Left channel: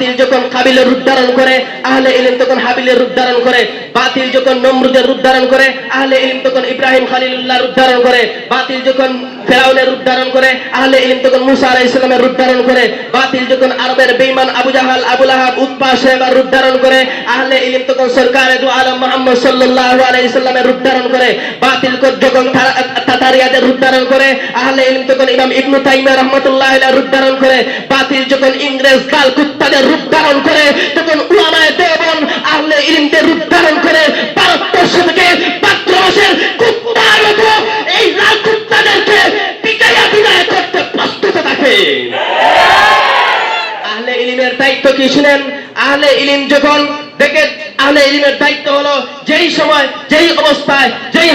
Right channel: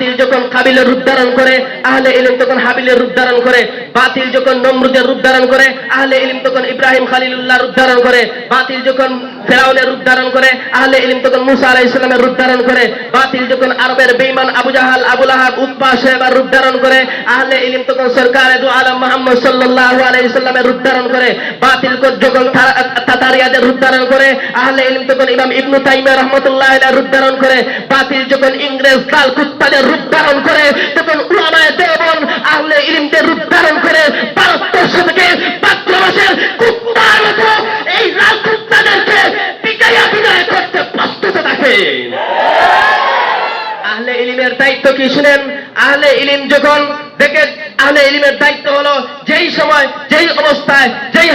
বাতিল যখন কাবিলের রূপ ধারণ করে আহলে ইলম তখন হাবিলের রূপ ধারণ করে বাতিল যখন নমরুদের রূপ ধারণ করে আহলে ইলম তখন ইব্রাহিম খালিলুল্লাহ রূপ ধারণ করে বাতিল যখন ফেরাউনের রূপ ধারণ করে আহলে ইলম তখন মুসা আলাইহিস সালামের রূপ ধারণ করে বাতিল যখন আরবের বেঈমান Abu Jahl Abu Lahab Utba শেবার রূপ ধারণ করে আহলে ইলম তখন সরকারে দু আলম মুহাম্মদ সাল্লাল্লাহু আলাইহি সাল্লামের রূপ ধারণ করে বাতিল যখন তাতারিয়াদের রূপ ধারণ করে আহলে ইলম তখন ইমাম ইবনু তাইমিয়া রাহমাতুল্লাহ রূপ ধারণ করে বাতিল যখন ইংরেজ দাল কুত্তাদের রূপ ধারণ করে তখন উলামায় দেবন আহলে ইলিমদের রূপ ধারণ করে ভারতবর্ষ থেকে পাত্র মাসের কুত্তার মতো এই লাল কুত্তাদেরকে পিটাইয়া বিদায় করতে প্রস্তুত থাকে। আহলে ইলিমের দায়িত্ব কি শুনেন? আহলে ইলিম যখন দেখে আহলে ইলিমের দায়িত্ব হলো যেই সময়, যেই অবস্থায়, যেই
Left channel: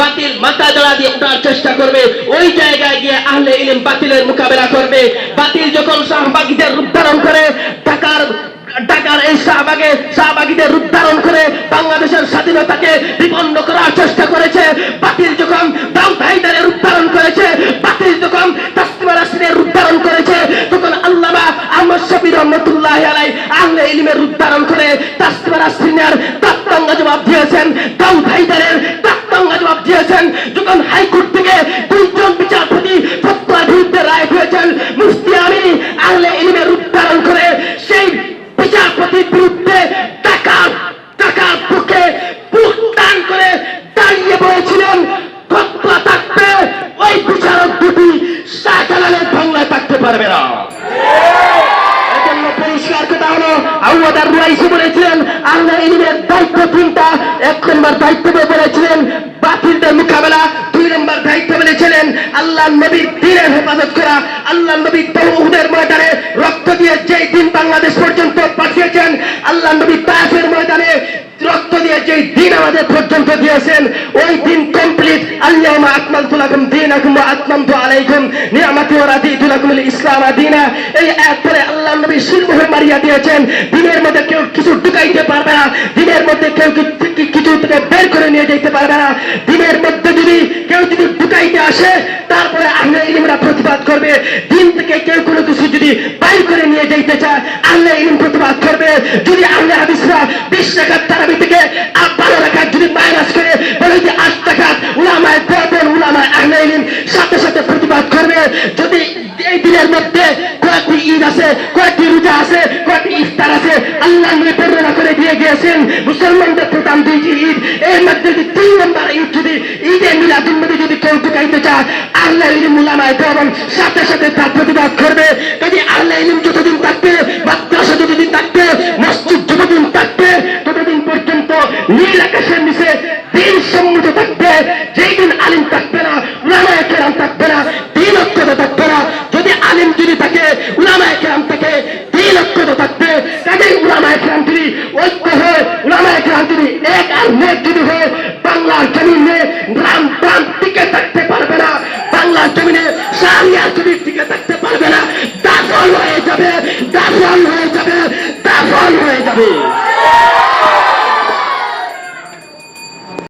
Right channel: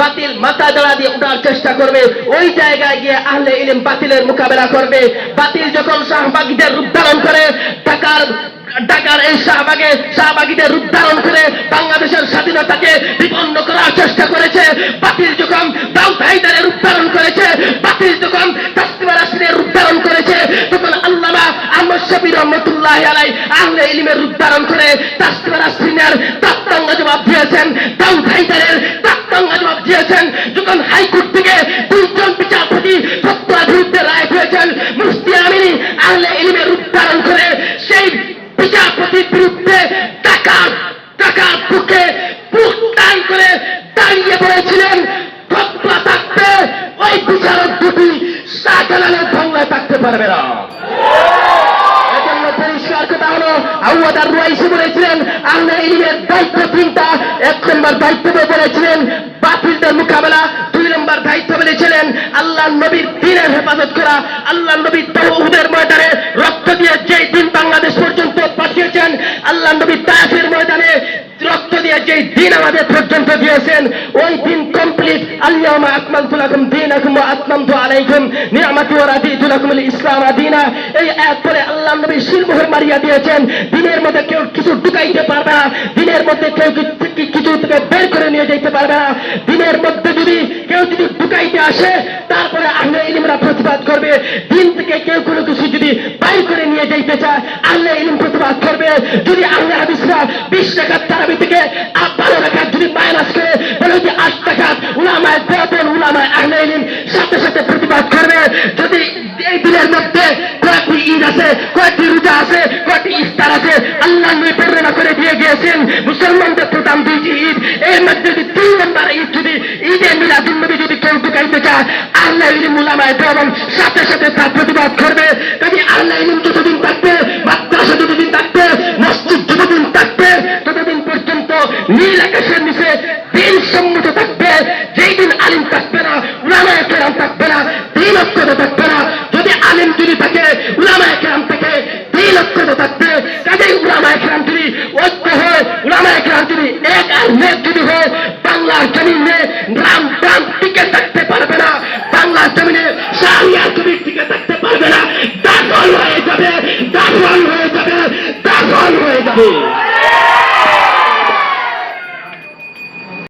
বাতিল মাথা জড়া দিয়ে চেষ্টা করবে, ওই জায়গায় গিয়ে আহলে ইলিম বাতিলের মোকাবেলা করবে। বাতিল যখন শাহবাগীদের রূপ ধারণ করে, ঢাকার ঢাকার এই শাহবাগে, শাহবাগীদের রূপ ধারণ করে বাংলাদেশের স্বাধীনতাকে বিপন্ন করার চেষ্টা করেছে। বাতিল যখন দাউদ হায়দারের রূপ ধারণ করেছে, বাতিল যখন তাসলিমা নাসরিনের রূপ ধারণ করেছে, তখন আল্লামা আহমদ শফি রহমতুল্লাহ আলাই উদ্ধারণ করে তাসলিমা নাসরিনের তাত্তাঙ্গা জবাব দিয়েছেন দাউদ হায়দারের তাত্তাঙ্গা জবাব দিয়েছেন যখন হাইকোর্ট থেকে দুইজন বিচারপতি ফতোয়ার বিরুদ্ধে রায় হয়েছেন মুফতি আমিনী আহলে ইলমের রূপ ধারণ করে সেই বিচারপতির বিরুদ্ধে টাকা টাকার বুকে বুক টান করে দাঁড়িয়ে পড়েছিলেন ফতোয়া থাকবে ওই বিচারক দুটি শাহজালালের বাংলায় থাকতে পারবে না এজন্য পরিষ্কার কথা হলো আমাদের রুয়াইসি বলেছিলেন আল্লাহ ইলিমের দায়িত্ব তিনটা এক নম্বর দায়িত্ব বলেছিলেন বাতিলদের মোকাবেলা দুই নম্বর দায়িত্ব বলেছিলেন আল্লাহ নবীর দিনের হেফাজত করা, আল্লাহ নবী তহুদের ময়দানে রক্ত দিয়ে যে দিন বাংলাদেশ পর্যন্ত পাঠিয়েছেন, আল্লাহ নবী তাফের ময়দানে রক্ত দিয়ে যে দিন আমাদের পর্যন্ত দিয়েছেন, ওই দিন কমপ্লিট আল্লাহ আকমালতু লাকুম দীনাকুম ওয়া আতমামতু আলাইকুম নিয়ামাতি ওয়া রাদিতু লাকুম ইসলাম দীনা এই পরে আল্লাহ নবী শিলমোহর মারিয়া দিয়েছেন, দিনের মধ্যে কেউ কিছু ঢুকাইতে পারবে না, দিনের মধ্যে কেউ কিছু থেকে বের করে নিয়ে যেতে পারবে না, দিনের মধ্যে যদি কেউ যদি ঢুকাইতে আসে তারপরে আহলে ইলমরা প্রতিবাদ করবে দিন থেকে কেউ কোনো কিছু যদি বাইর করে নিয়ে যেতে চায় আহলে ইলম প্রতিবাদ করবে যদি আহলে হাদিসরা বিশ টাকার থেকে বারো টাকা যদি মাইনাস করে, বলে যে আট উলামায় দেবেন, উলামায় আহলে সাথে সাথে প্রতিবাদ করবে। যদি এই দিনের মধ্যে কয়েকটি ঈদ আছে, কয়েকটি রোজা আছে, কয়েকটি ইফতার আছে, আল্লাহ নবী বর্ণনা করে দিয়ে গিয়েছেন। মুসলমানদের প্রধান দুইটি ঈদ। এর মধ্যে যদি তিন নম্বর ঈদ যদি, ঈদে মিলাদুল নবী যদি কেউ ঢুকাইতে চায় আল্লাহ ইলিম উলামায় দেওয়ান সাথে সাথে তার প্রতিবাদ করবে। কাজে আল্লাহ ইলিম যতদিন নীল আকাশের নিচে দিন সম্মত থাকবে যেই দিন আলিম থাকবে না, উলামায় কেরাম থাকবে না দিন ঐক্যতা থাকবে না। যদি আলিম যদি থাকে, উলামায় কেরাম থাকে দিন ঐক্যতা থাকবে। কাজেই উলামায় কেরাম যদি ঐক্য হয়, উলামায় কেরাম যদি এক আর নেক যদি হয়, বাংলার জমিনে রাম প্রাণ টিকে থাকতে পারবে না। বাংলার জমিনে শাহরিয়া যদি টিকে থাকতে পারবে না। দাফল হয়ে যাবে দাফল হয়ে যাবে দাফল হয়ে যাবে।